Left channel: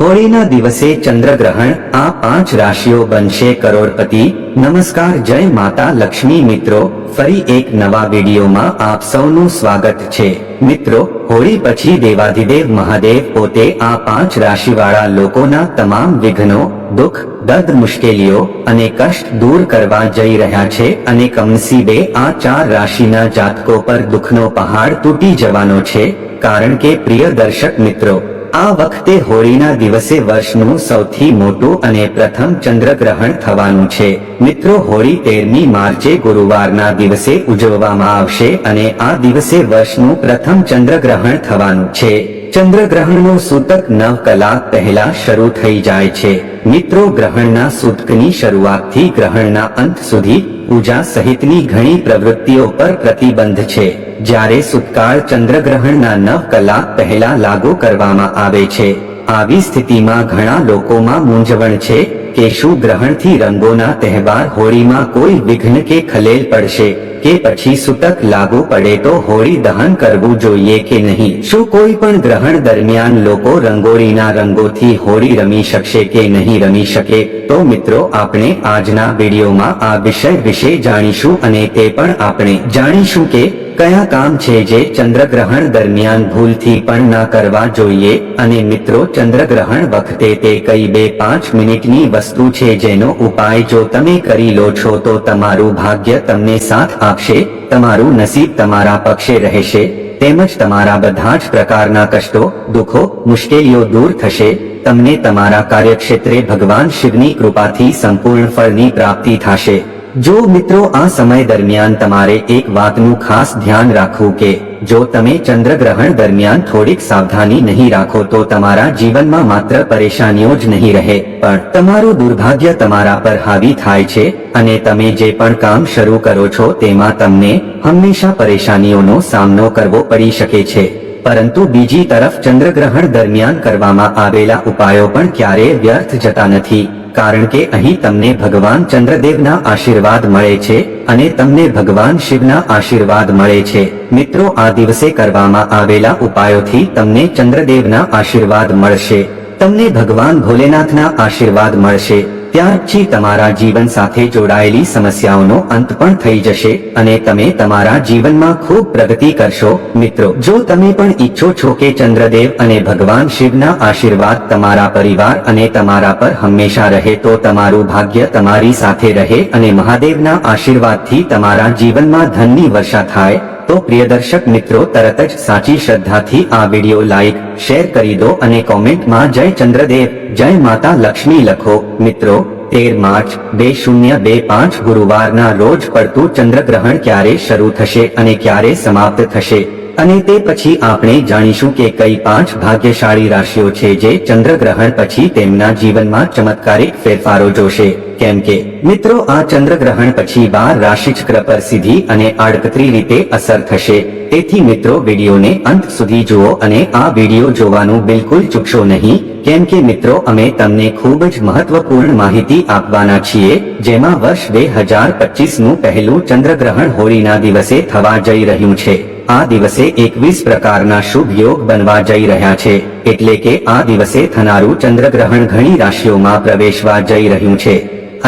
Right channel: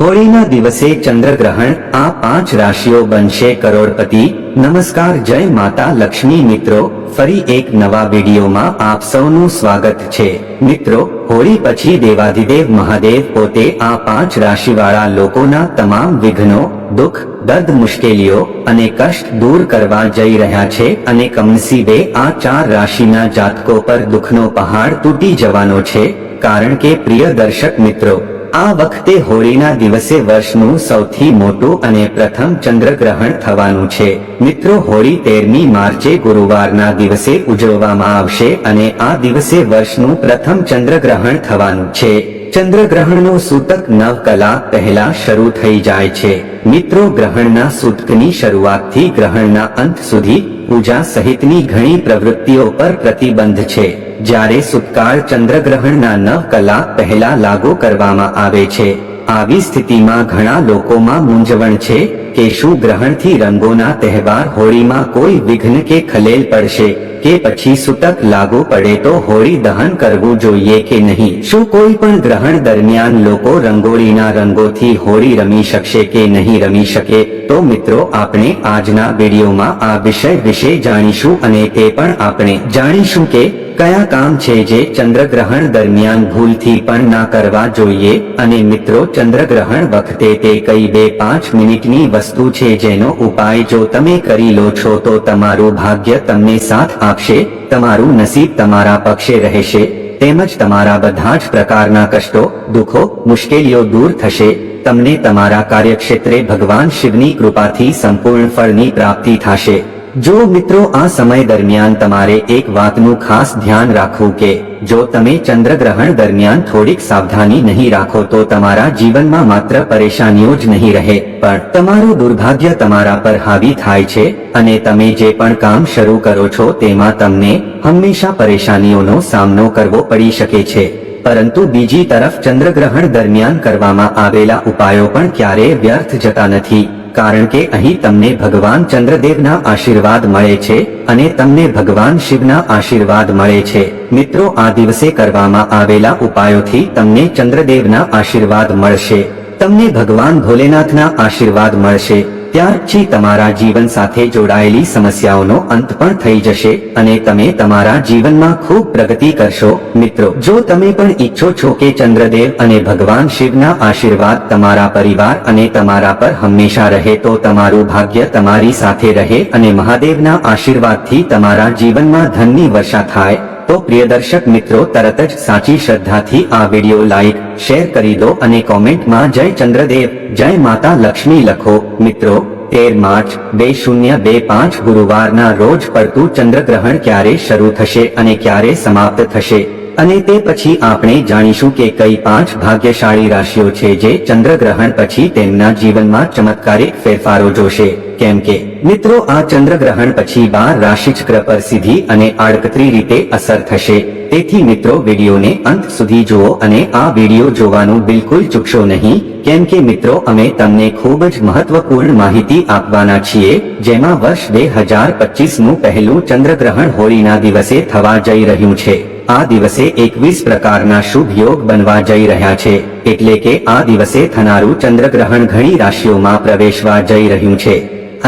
હોળીના દિવસે ચંદ્રગ્રહણ આ પાંચ રાશિઓ બનશે કરોડપતિ. નમસ્કાર, જય માતા લક્ષ્મી મિત્રો. ફરી એક નવા વિડીયોમાં આપ સૌનું સ્વાગત છે. મિત્રો, હોળી પછી દેવાધિદેવ મહાદેવ પોતે આ પાંચ રાશિવાળા લોકોના તમામ વિઘ્નો, દુઃખ, દર્દ, મુશ્કેલીઓ અને કષ્ટ દૂર કરવા જઈ રહ્યા છે અને કમનસીબે આ ચાર રાશિના જાતકો પર દુઃખનો પહાડ તૂટી જવાનો છે. કારણ કે પ્રિય દર્શક મિત્રો આ વખતે હોળીના દિવસે વર્ષનું સૌથી મોટું અને પ્રથમ ચંદ્રગ્રહણ થવાનું છે. મિત્રો, હોળી તેરમી માર્ચે ગુરુવારના દિવસે ઉજવવામાં આવશે અને આ દિવસે વર્ષનું પ્રથમ ચંદ્રગ્રહણ થવાનું છે. ચંદ્રગ્રહણનો સૂતક નવ કલાક પહેલા શરૂ થઈ જાય છે. મિત્રો, ગ્રહણના સૂતકની શરૂઆતથી ગ્રહણના અંત સુધી પૂજા સહિતની ઘણી પ્રવૃત્તિઓ પર પ્રતિબંધ છે. જ્યારે સુતકાળ ચંદ્રગ્રહણના નવ કલાક પહેલા લાગુ કરવામાં આવે છે. આવી સ્થિતિમાં ઘણા લોકોમાં મૂંઝવણ છે કે શું ગ્રહણથી રંગોના તહેવાર હોળીમાં કોઈ વિઘ્ન કે ખલેલ પડશે, કે પછી સૂતક લાગુ પડે તો હોળી દહન કરવું જોઈએ કે નહીં? શું કોઈ પણ ગ્રહણ દરમિયાન લોકો રંગોળીના રંગોથી હોળી રમી શકશે કે નહીં રમી શકે? તો મિત્રો, આપણે આજના વિડીયોમાં આ વિષય વિશે જાણીશું અને તે પણ આપણે જાણીશું કે કયા કામ છે જે ચંદ્રગ્રહણ દરમિયાન ભૂલથી પણ ના કરવા જોઈએ? અને મિત્રો, ચંદ્રગ્રહણ વખતે તે કઈ બે પાંચ મિનિટની વસ્તુ છે જેનો ઉપાય જો તમે કરી લો છો તો તમારું ભાગ્ય તમને સાથ આપશે, તમારું નસીબ તમારા પક્ષે રહેશે, તેમજ તમારા બધા જ પ્રકારના કષ્ટો, દુઃખો, મુશ્કેલીઓ દૂર થશે, તમને તમારા કાર્યક્ષેત્રે ભગવાન શિવની કૃપાથી સંપૂર્ણ ફળની પ્રાપ્તિ થશે. જો મિત્રો આ સમય દરમિયાન તમારે એક વાતનું ખાસ ધ્યાન રાખવું કે જો તમે ચંદ્રગ્રહણ દરમિયાન થોડીક સાવધાની નહીં રાખો તો તમારા જીવનમાં માત્ર પરેશાનીઓ જ નહીં રહે. પણ તમારું દુર્ભાગ્ય તમારા પર હાવી થાય છે અને તમે જે પણ કામ શરૂ કરો છો તેમાં તમને હંમેશા પરેશાનીઓનો સામનો કરવો પડી શકે છે. પરંતુ બીજી તરફ ચંદ્રગ્રહણ દરમિયાન કરવામાં આવેલા ઉપાયો પણ ક્યારેય વ્યર્થ જતા નથી. કારણ કે અહીં તમને ભગવાન ચંદ્રદેવના આશીર્વાદ મળે છે અને તમને ભગવાન શિવના આશીર્વાદ મળે છે. મિત્રો, આ દિવસે કરવામાં આવેલા ઉપાયોથી તમને ચંદ્રદેવના આશીર્વાદ મળશે. તમને ભગવાન ભોલેનાથના આશીર્વાદ મળશે. ત્યાર પછી તમારા જીવન સાથે જોડાયેલી સમસ્યાઓનો અંત પણ થઈ જશે અને તમે તમારા જીવનમાં ખૂબ પ્રગતિ કરશો. મિત્રો, જો તમે પણ ઈચ્છો છો કે ચંદ્રદેવ અને ભગવાન શિવના આશીર્વાદ તમારા પરિવાર અને તમારા પર હંમેશા રહે, તો તમારું ભાગ્ય તમારી સાથે રહે અને મહાદેવના આશીર્વાદથી તમારા જીવનમાં ધનની વર્ષા થાય. તો પ્રિય દર્શક મિત્રો, તરત જ સાચી શ્રદ્ધાથી આ વીડિયો લાઈક શેર કરી દો અને કોમેન્ટમાં જય ચંદ્રદેવ, જય માતા લક્ષ્મી લખો. મિત્રો, તેર માર્ચ બે શૂન્ય બે પાંચ ગુરુવારના રોજ પડતું ચંદ્રગ્રહણ ક્યારે શરૂ થશે અને ક્યારે સમાપ્ત થશે? અને તે પછી આપણે જાણીશું કે કઈ પાંચ ભાગ્યશાળી રાશિઓ છે જે ચંદ્રગ્રહણ પછી તેમના જીવનમાં ચમત્કારિક ફેરફારો જોશે. કેમ કે મિત્રો, આ ચંદ્રગ્રહણ પછી બાર રાશિ ચક્ર પર સીધી અને આડકતરી રીતે અસર થશે. તેથી મિત્રો, વિડીયોને અંત સુધી જુઓ અને આ વીડિયો જોવાનું બિલકુલ ચૂકશો નહીં. કેમ કે મિત્રો, અમે તમને ખૂબ જ મહત્વપૂર્ણ માહિતી આપવાના છીએ, જેમાં વર્ષ બે હજાર પચીસનું પહેલું ચંદ્રગ્રહણ હોળીના દિવસે થવા જઈ રહ્યું છે. આ દિવસે એકવીસ પ્રકારના શુભ યોગ બનવા જઈ રહ્યા છે. એટલે કે આ દિવસે થનારું ચંદ્રગ્રહણ ઘણી રાશિઓમાં પ્રવેશવા જઈ રહ્યું છે.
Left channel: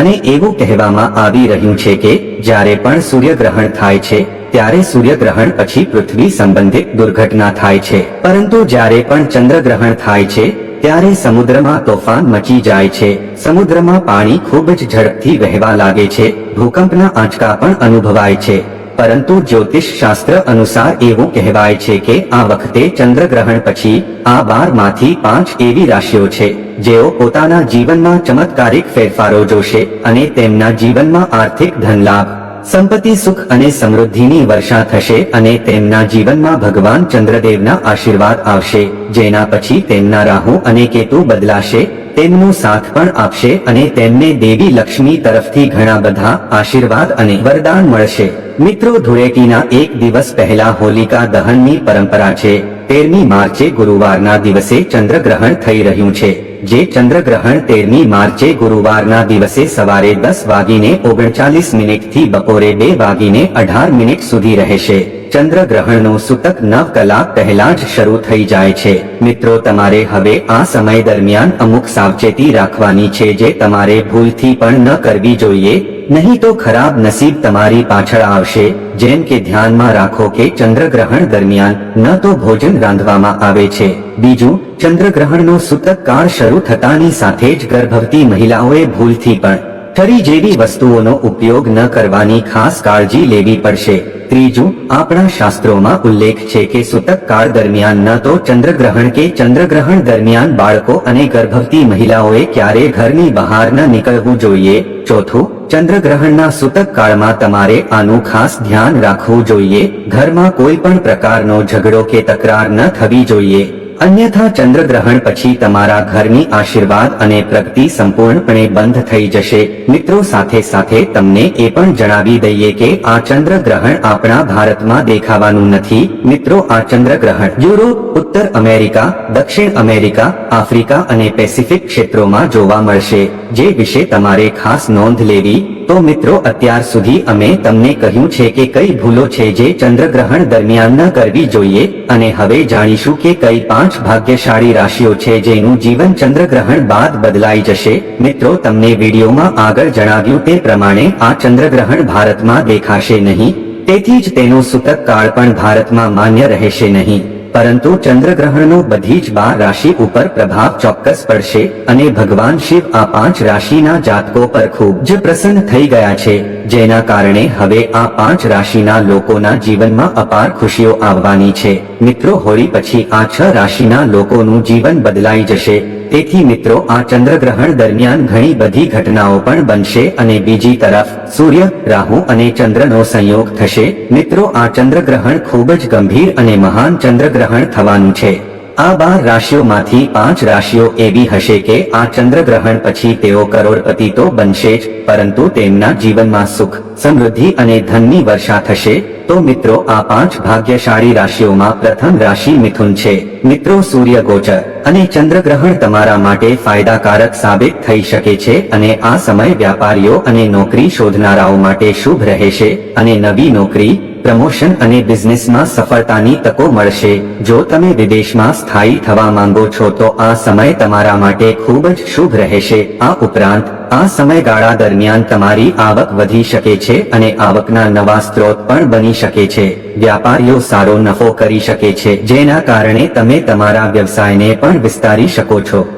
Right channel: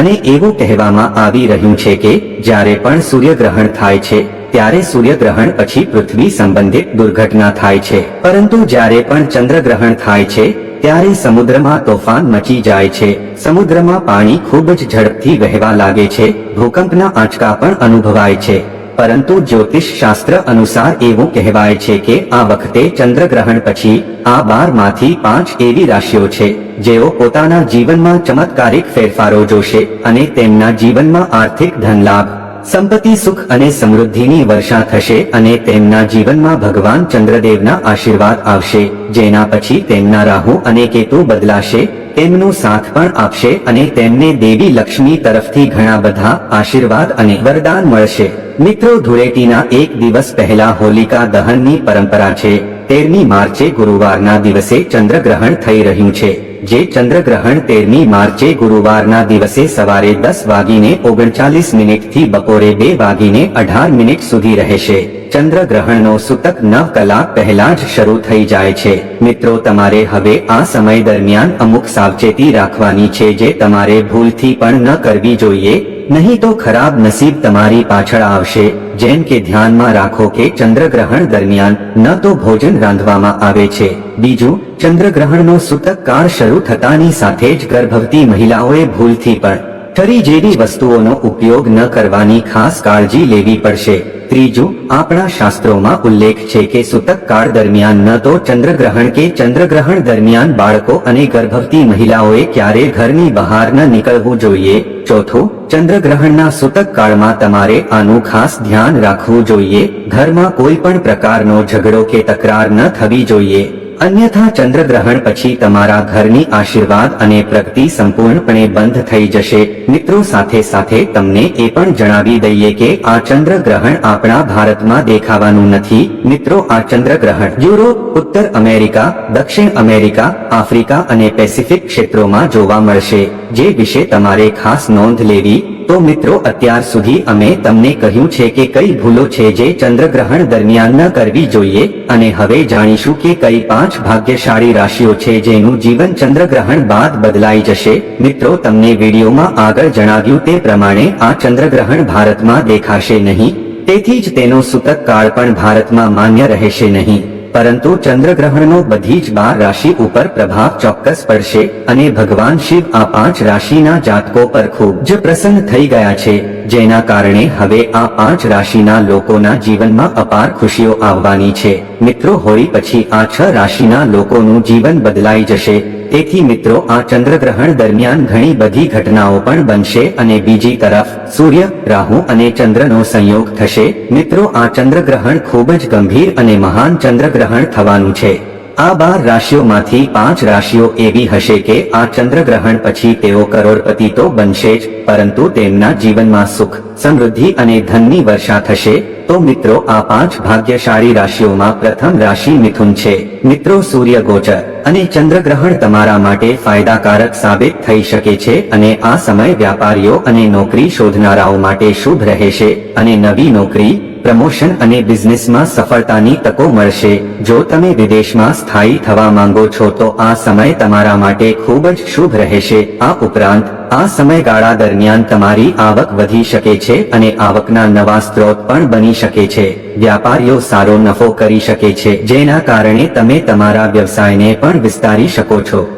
અને એવું કહેવામાં આવી રહ્યું છે કે જ્યારે પણ સૂર્યગ્રહણ થાય છે, ત્યારે સૂર્યગ્રહણ પછી પૃથ્વી સંબંધિત દુર્ઘટના થાય છે. પરંતુ જ્યારે પણ ચંદ્રગ્રહણ થાય છે, ત્યારે સમુદ્રમાં તોફાન મચી જાય છે. સમુદ્રમાં પાણી ખૂબ જ ઝડપથી વહેવા લાગે છે. ભૂકંપના આંચકા પણ અનુભવાય છે. પરંતુ જ્યોતિષ શાસ્ત્ર અનુસાર એવું કહેવાય છે કે આ વખતે ચંદ્રગ્રહણ પછી આ બારમાંથી પાંચ એવી રાશિઓ છે. જેઓ પોતાના જીવનમાં ચમત્કારિક ફેરફારો જોશે અને તેમના જીવનમાં આર્થિક ધનલાભ, સંપત્તિ સુખ અને સમૃદ્ધિની વર્ષા થશે અને તેમના જીવનમાં ભગવાન ચંદ્રદેવના આશીર્વાદ આવશે, જેના પછી તેમના રાહુ અને કેતુ બદલાશે, તેમનો સાથ પણ આપશે અને તેમને દેવી લક્ષ્મી તરફથી ઘણા બધા આશીર્વાદ અને વરદાન મળશે. મિત્રો, ધૂળેટીના એક દિવસ પહેલા હોલિકા દહનની પરંપરા છે. તેરમી માર્ચે ગુરુવારના દિવસે ચંદ્રગ્રહણ થઈ રહ્યું છે. જે ચંદ્રગ્રહણ તેરમી માર્ચે ગુરુવારના દિવસે સવારે દસ વાગીને ઓગણચાલીસ મિનિટથી બપોરે બે વાગીને અઢાર મિનિટ સુધી રહેશે. ચંદ્રગ્રહણનો સૂતક નવ કલાક પહેલા જ શરૂ થઈ જાય છે. મિત્રો, તમારે હવે આ સમય દરમિયાન અમુક સાવચેતી રાખવાની છે જે તમારે ભૂલથી પણ ન કરવી જોઈએ. નહીં તો ખરાબ નસીબ તમારી પાછળ આવશે. જેમ કે ધ્યાનમાં રાખો કે ચંદ્રગ્રહણ દરમિયાન ન તો ભોજન રાંધવામાં આવે છે. બીજું, ચંદ્રગ્રહણનો સૂતક કાળ શરૂ થતાની સાથે જ ગર્ભવતી મહિલાઓએ ભૂલથી પણ ફરી જેવી વસ્તુઓનો ઉપયોગ ન કરવાની ખાસ કાળજી લેવી પડશે. ત્રીજું, આપણા શાસ્ત્રોમાં ઉલ્લેખ છે કે સૂતક કાળ દરમિયાન ન તો ચંદ્રગ્રહણ કે ચંદ્રગ્રહણ દરમિયાન બાળકો અને ગર્ભવતી મહિલાઓએ ક્યારે ઘરની બહાર ન નીકળવું જોઈએ. ચોથું, ચંદ્રગ્રહણના સૂતક કાળમાં તમારે આનું ખાસ ધ્યાન રાખવું જોઈએ. ઘરમાં કોઈ પણ પ્રકારનો ઝઘડો કે તકરાર ન થવી જોઈએ. અન્યથા ચંદ્રગ્રહણ પછી તમારા ઘરની આશીર્વાદ અને પ્રગતિ સંપૂર્ણપણે બંધ થઈ જશે. મિત્રો, સાથે સાથે તમને એ પણ જણાવી દઈએ કે આ ચંદ્રગ્રહણ આપણા ભારતમાં દેખાવાનું નથી. મિત્રો, આ ચંદ્રગ્રહણ યુરોપ, ઉત્તર અમેરિકા, દક્ષિણ અમેરિકા, આફ્રિકા અને પેસિફિક ક્ષેત્રોમાં જોવા મળશે. જે વિશે તમારે ખાસ નોંધ લેવી. તો મિત્રો, અત્યાર સુધી અમે તમને કહ્યું છે કે કઈ ભૂલો છે જે ચંદ્રગ્રહણ દરમિયાન ન કરવી જોઈએ. અને હવે જાણીશું કે કઈ પાંચ ભાગ્યશાળી રાશિઓ છે જેનું જીવન ચંદ્રગ્રહણ બાદ બદલાઈ જશે. મિત્રો, તમને વિડીયોમાં આગળ જણાવ્યું તે પ્રમાણે આ ચંદ્રગ્રહણ ભારતમાં દેખાશે નહીં. તેથી જ તેનો સૂતક કાળ પણ ભારતમાં માન્ય રહેશે નહીં. પરંતુ ચંદ્રગ્રહણનો બધી જ બાર રાશિ ઉપર પ્રભાવ ચોક્કસ પડશે અને ભગવાન શિવ આ પાંચ રાશિના જાતકો પર ખૂબ જ પ્રસન્ન થઈ ગયા છે. જેના કારણે હવે આ પાંચ રાશિના લોકોના જીવનમાં અપાર ખુશીઓ આવવાની છે. મિત્રો, હોળી પછી આ છ રાશિના લોકોનું જીવન બદલાઈ જશે. તેથી મિત્રો, આ ચંદ્રગ્રહણ દરમિયાન ઘણી બધી ઘટનાઓ પણ બનશે અને બીજી તરફ સૂર્ય, રાહુ અને ચંદ્રનો સંયોગ થશે. મિત્રો, આ ચંદ્રગ્રહણ ખૂબ જ ગંભીર અને મહાન ચંદ્રગ્રહણ થવાનું છે. આ બાર રાશિઓમાંથી પાંચ રાશિઓ એવી હશે કે આ ચંદ્રગ્રહણ પછી તેઓ કરોડપતિ તો બનશે જ, પરંતુ તેમના જીવનમાં સુખ, સમૃદ્ધિ અને ધનની વર્ષા થશે. તો મિત્રો, આ પાંચ ભાગ્યશાળી રાશિઓમાં પ્રથમ રાશિ મિથુન છે. મિત્રો, સૂર્ય ગોચર અને ચંદ્રગ્રહણ તમારા માટે ફાયદાકારક સાબિત થઈ શકે છે અને આ સમય વ્યાપારીઓ અને નોકરી શોધનારાઓ માટે શુભ રહેશે. અને નવી નોકરી પ્રમોશન અને બિઝનેસમાં સફળતાની તકો મળશે. જો તમે વિદેશમાં સ્થાયી થવા માંગો છો, તો આ સમય તમારા માટે ખૂબ જ શુભ રહેશે. આ ઉપરાંત, આ સમયગાળા દરમિયાન તમારી આવક વધી શકે છે અને આવકના નવા સ્ત્રોત પણ બની શકે છે. વ્યાપારીઓ સારો નફો કરી શકે છે, જેના કારણે તમે તમારા વ્યવસાયને પણ વિસ્તારી શકો છો.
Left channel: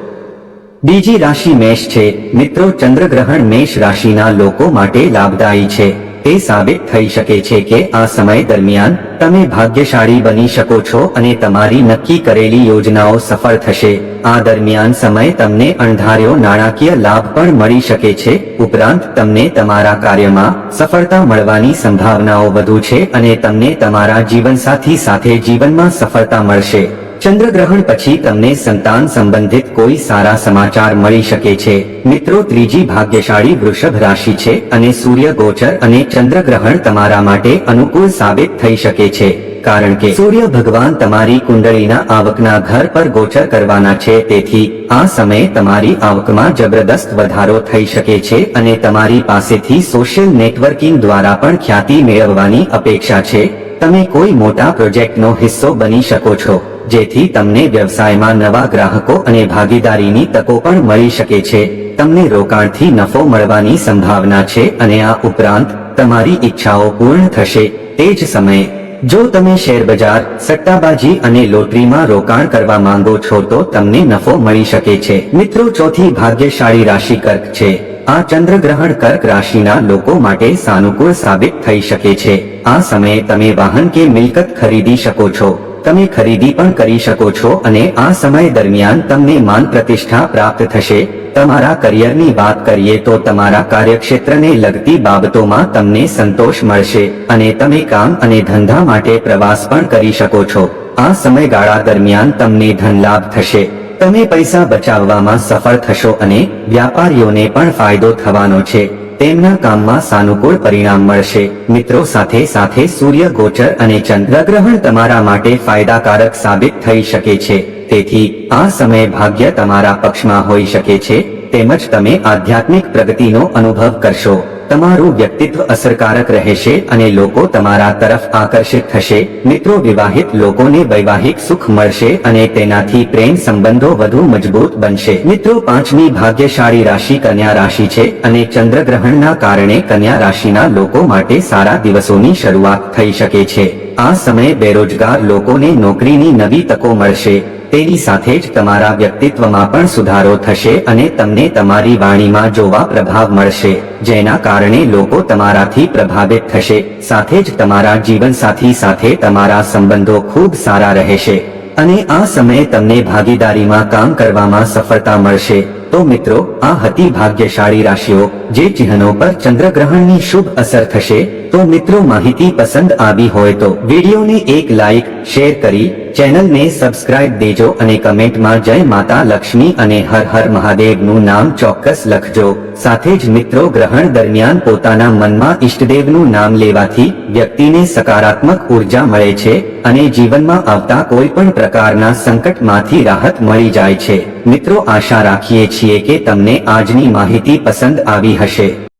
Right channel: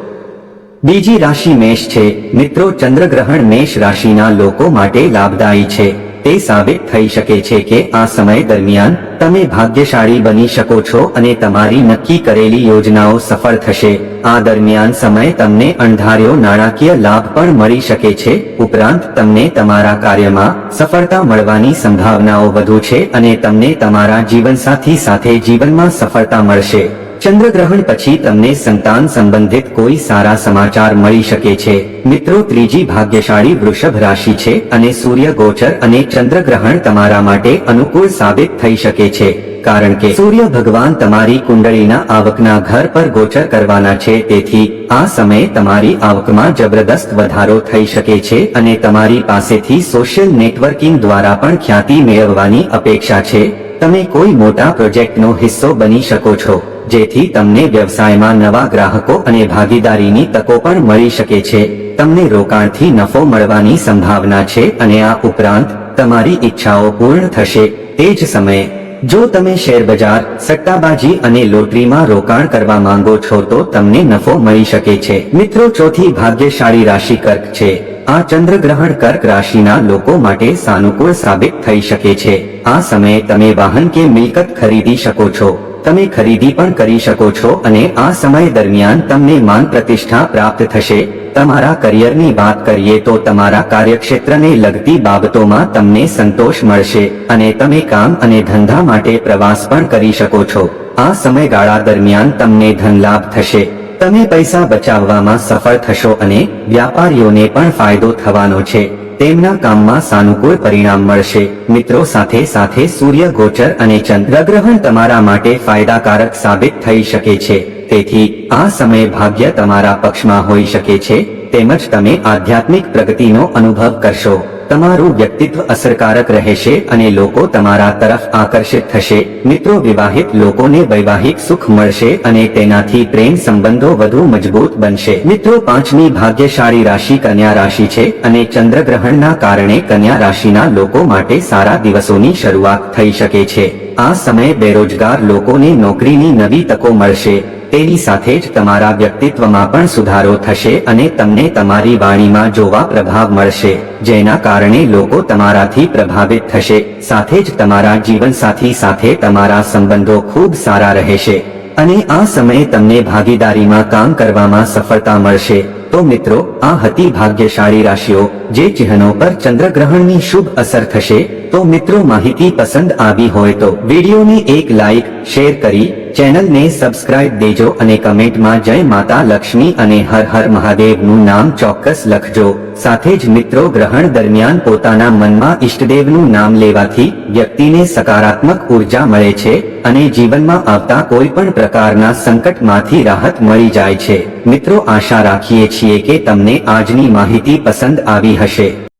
બીજી રાશિ મેષ છે. મિત્રો, ચંદ્રગ્રહણ મેષ રાશિના લોકો માટે લાભદાયી છે. તે સાબિત થઈ શકે છે કે આ સમય દરમિયાન તમે ભાગ્યશાળી બની શકો છો અને તમારી નક્કી કરેલી યોજનાઓ સફળ થશે. આ દરમિયાન સમય તમને અણધાર્યો નાણાકીય લાભ પણ મળી શકે છે. ઉપરાંત તમને તમારા કાર્યમાં સફળતા મળવાની સંભાવનાઓ વધુ છે અને તમને તમારા જીવનસાથી સાથે જીવનમાં સફળતા મળશે. ચંદ્રગ્રહણ પછી તમને સંતાન સંબંધિત કોઈ સારા સમાચાર મળી શકે છે. મિત્રો, ત્રીજી ભાગ્યશાળી વૃષભ રાશિ છે અને સૂર્ય ગોચર અને ચંદ્રગ્રહણ તમારા માટે અનુકૂળ સાબિત થઈ શકે છે. કારણ કે સૂર્ય ભગવાન તમારી કુંડળીના આવકના ઘર પર ગોચર કરવાના છે. તેથી આ સમયે તમારી આવકમાં જબરદસ્ત વધારો થઈ શકે છે અને તમારી પાસેથી સોશિયલ નેટવર્કિંગ દ્વારા પણ ખ્યાતિ મેળવવાની અપેક્ષા છે. તમે કોઈ મોટા પ્રોજેક્ટનો હિસ્સો બની શકો છો. જેથી તમને વ્યવસાયમાં નવા ગ્રાહકો અને ભાગીદારીની તકો પણ મળી શકે છે. તમને રોકાણથી નફો મળવાની સંભાવના છે અને આ ઉપરાંત તમારી ઈચ્છાઓ પૂર્ણ થશે. તે જ સમયે, જો તમે શેર સટ્ટાબાજી અને લોટરીમાં રોકાણ કરવા માંગો છો તો તમને નફો મળી શકે છે. મિત્રો, ચોથી ભાગ્યશાળી રાશિ કર્ક છે. આ ચંદ્રગ્રહણ કર્ક રાશિના લોકો માટે સાનુકૂળ સાબિત થઈ શકે છે. આ સમયે તમે વાહન કે મિલકત ખરીદી શકો છો. તમે ખરીદી પણ કરી શકો છો અને આ સમય દરમિયાન તમને માન પ્રતિષ્ઠા પ્રાપ્ત થશે. તમારા કરિયરની વાત કરીએ તો તમારા કાર્યક્ષેત્રને લગતી બાબતોમાં તમને સંતોષ મળશે અને તમે કામ અને ધંધા માટે પ્રવાસ પણ કરી શકો છો. આ સમયગાળા દરમિયાન તમને ધન લાભ થશે. તમે પૈસા બચાવવામાં સફળ થશો અને વ્યાપારીઓને પણ ફાયદો થવાનો છે. તેમના કામમાં સાનુકૂળ પરિણામ મળશે. મિત્રો સાથે સાથે સૂર્ય ગોચર અને ચંદ્રગ્રહણ તમારા માટે ફાયદાકારક સાબિત થઈ શકે છે. તેથી આ સમય ભાગ્ય તમારા પક્ષમાં હોઈ શકે છે. તેમજ તમે આધ્યાત્મિક પ્રગતિનો અનુભવ કરશો. તમારું વ્યક્તિત્વ અસરકારક રહેશે અને લોકો તમારા તરફ આકર્ષિત થશે. મિત્રો, વિવાહિત લોકોને વૈવાહિક સુખ મળશે અને તેનાથી પ્રેમ સંબંધો વધુ મજબૂત બનશે. મિત્રો, પાંચમી ભાગ્યશાળી રાશિ કન્યા રાશિ છે અને ચંદ્રગ્રહણના કારણે કન્યા રાશિના લોકો માટે સારા દિવસોની શરૂઆત થઈ શકે છે. આ સમયે બેરોજગાર લોકોને નોકરીની નવી તકો મળશે. તેની સાથે જ તમારા વ્યક્તિત્વમાં પણ સુધારો થશે અને તમને તમારી વાણીમાં જોવા પ્રભાવ મળશે. જેના કારણે લોકો તમારાથી પ્રભાવિત થશે. સાથે જ તમારા જીવનસાથી સાથે તમારા સંબંધો ખૂબ સારા રહેશે. અને આ સમયે તમને ભાગીદારીમાં કામ કરવામાં સફળતા મળશે. તો મિત્રો, આ હતી ભાગ્યશાળી રાશિઓ, જે ચિહ્નો પર ચંદ્રગ્રહણની શુભ અસર થશે. તો મિત્રો, માહિતી પસંદ આવી હોય તો વિડીયોને એક લાઈક, શેર કરી ચેનલને સબસ્ક્રાઇબ દેજો અને કમેન્ટમાં જય માતા લક્ષ્મી અને હર હર મહાદેવનું નામ ચોક્કસ લખજો. સાથે જ મિત્રો ગ્રહણ દરમિયાન પોતાના મનમાં ઈષ્ટદેવનું નામ લેવાથી વ્યક્તિને સકારાત્મક ઊર્જા મળે છે અને જીવનમાં આવતા કોઈ પણ પ્રકારના સંકટમાંથી રાહત મળી જાય છે. મિત્રો, આશા રાખીએ છીએ કે તમને આજની માહિતી પસંદ આવી હશે.